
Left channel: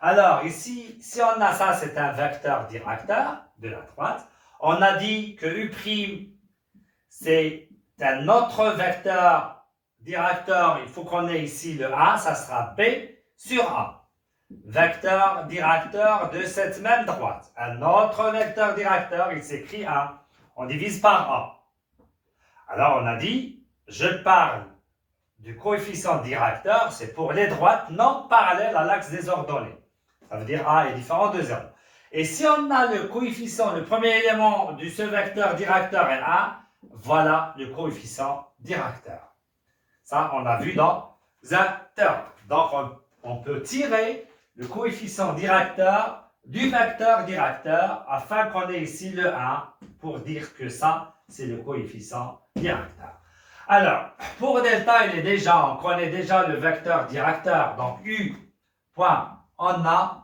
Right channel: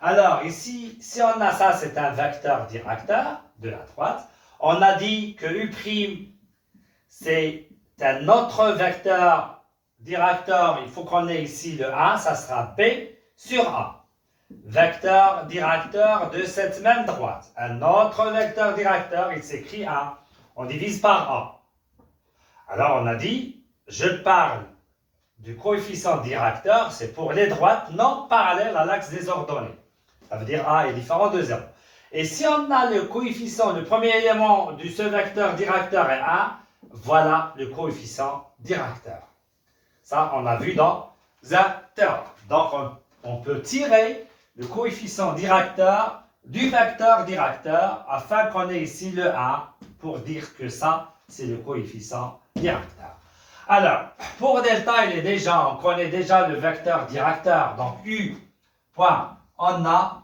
Alors ici, si on a ça, c'est un vecteur directeur de la droite. On a dit que U', c'est un autre vecteur directeur. Il faut qu'on ait ici le A, ça sera B sur A. Vecteur directeur de cette même droite. Un autre vecteur directeur, il s'écrit A. On divise par A. Alors on a dit, je parle du coefficient directeur, c'est pour les droites non parallèles à l'axe des ordonnées. Ça veut dire A est différent de 0. Et si on a le coefficient, le premier élément de ce vecteur directeur est A, voilà le coefficient directeur. Ça, on a vu dans un théorème. Donc, on peut tirer le coefficient directeur du vecteur directeur afin qu'on ait ici le A pour dire que ça, c'est le coefficient directeur. Alors, pour delta, on connaît déjà le vecteur directeur. Donc, U, point, on a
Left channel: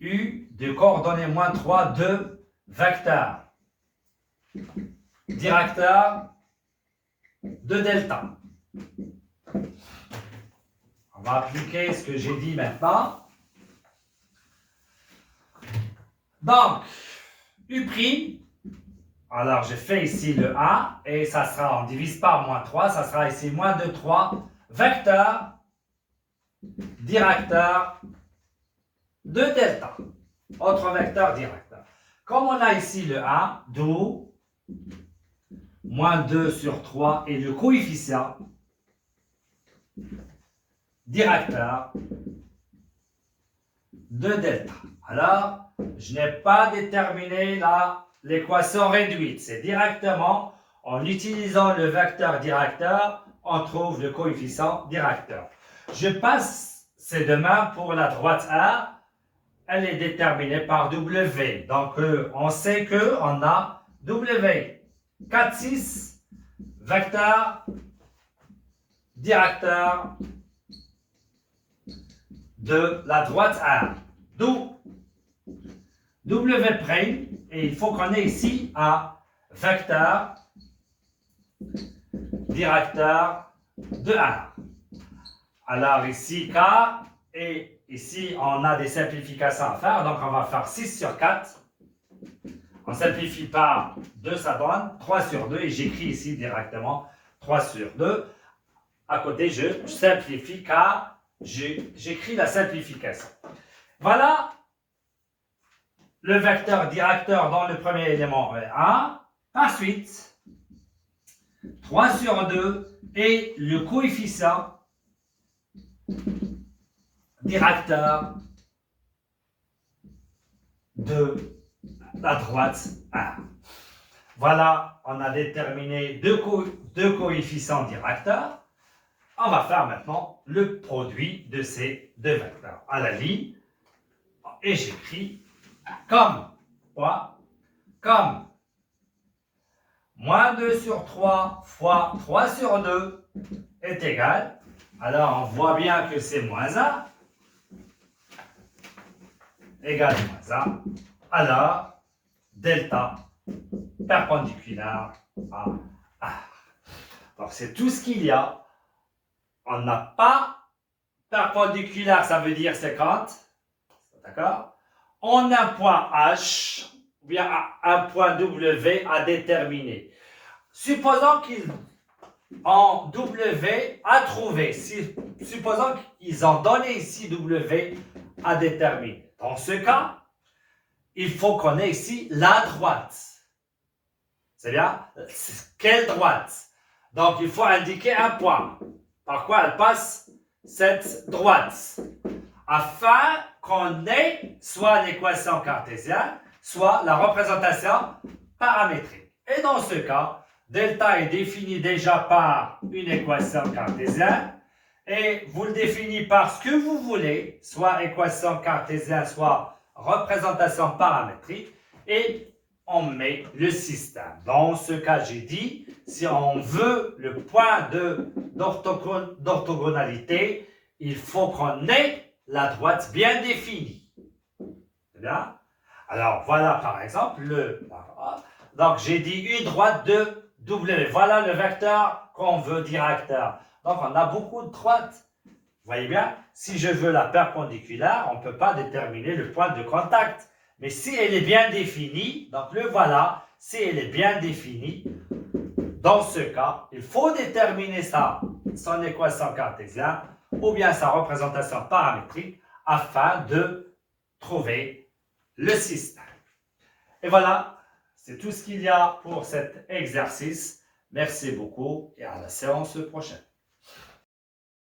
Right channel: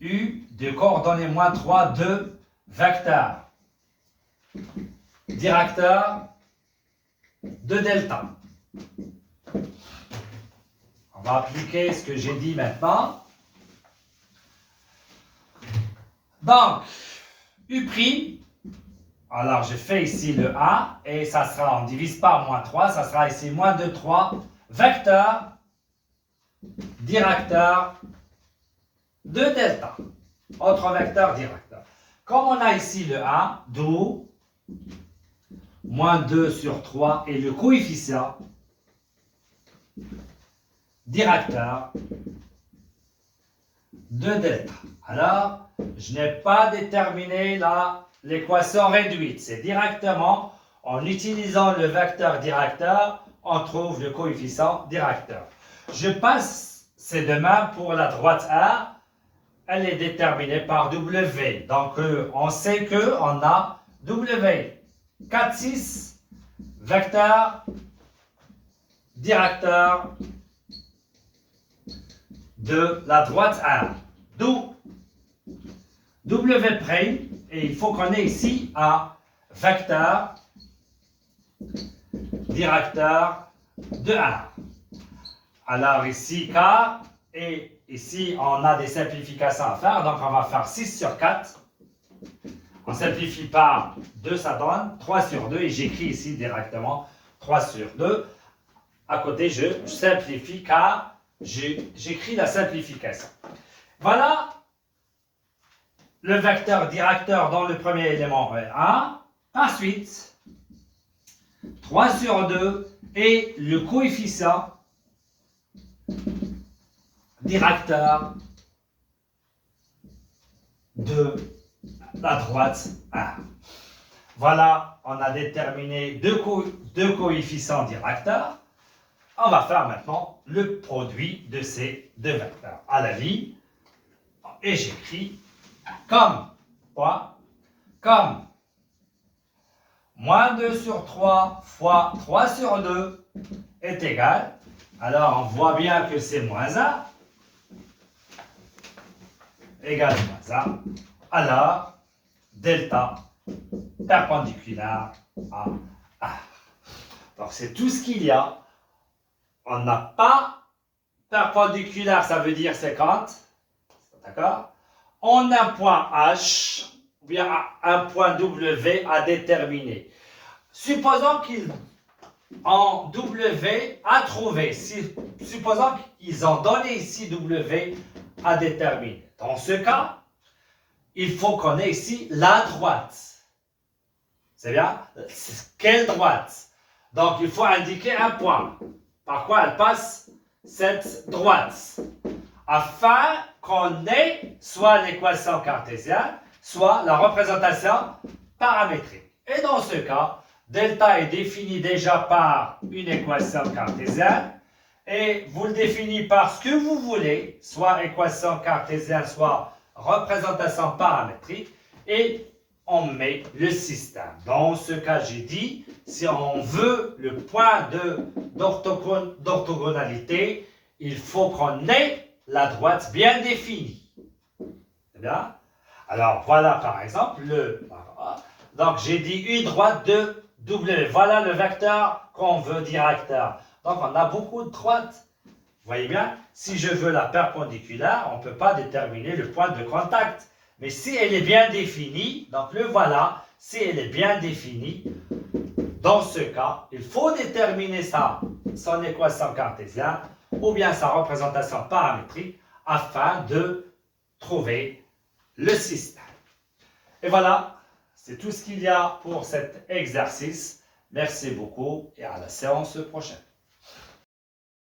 U de coordonnées moins 3 de vecteur directeur de delta. va appliquer ce que j'ai dit maintenant. Donc, U', alors je fais ici le 1 et ça sera, on divise par moins 3, ça sera ici moins 2, 3, vecteur, directeur de delta. Autre vecteur directeur. Comme on a ici le 1, d'où moins 2 sur 3 est le coefficient directeur de delta. Alors, je n'ai pas déterminé l'équation réduite. C'est directement, en utilisant le vecteur directeur, on trouve le coefficient directeur. Je passe, c'est de même pour la droite R. Elle est déterminée par W. Donc, on sait qu'on a W. 4, 6, vecteur directeur de la droite R. D'où W', et il faut qu'on ait ici un vecteur directeur de R. Alors ici, K, et ici, on a des simplifications à faire, donc on va faire 6 sur 4. On simplifie par 2, ça donne 3 sur 2, et j'écris ici directement 3 sur 2. À côté, je simplifie car j'écris la simplification. Voilà le vecteur directeur dans le premier élément est 1. Ensuite, 3 sur 2 et le coefficient directeur de la droite 1. Voilà, on a déterminé deux coefficients directeurs. On va faire maintenant le produit de ces deux vecteurs à la ligne. Et j'écris comme quoi? Comme moins 2 sur 3 fois 3 sur 2 est égal. Alors, on voit bien que c'est moins 1. Égal moins 1. Alors, delta perpendiculaire à R. Donc, c'est tout ce qu'il y a. On n'a pas perpendiculaire, ça veut dire 50. D'accord? On a un point H, ou bien un point W à déterminer. Supposons qu'ils en W à trouver. Supposons qu'ils ont donné ici W à déterminer. Dans ce cas, il faut qu'on ait ici la droite. C'est bien? Quelle droite? Donc, il faut indiquer un point. Par quoi elle passe cette droite? Afin qu'on ait soit l'équation cartésienne, soit la représentation paramétrique. Et dans ce cas, delta est défini déjà par une équation cartésienne et vous le définissez par ce que vous voulez, soit équation cartésienne, soit représentation paramétrique, et on met le système. Dans ce cas, j'ai dit, si on veut le point d'orthogonalité, il faut qu'on ait la droite bien définie. C'est bien? Alors, voilà par exemple donc, j'ai dit une droite de W. Voilà le vecteur qu'on veut directeur. Donc, on a beaucoup de droites. Vous voyez bien? Si je veux la perpendiculaire, on ne peut pas déterminer le point de contact. Mais si elle est bien définie, donc le voilà, si elle est bien définie, dans ce cas, il faut déterminer son équation cartésienne ou bien sa représentation paramétrique afin de trouver le système. Et voilà, c'est tout ce qu'il y a pour cet exercice. Merci beaucoup et à la séance prochaine.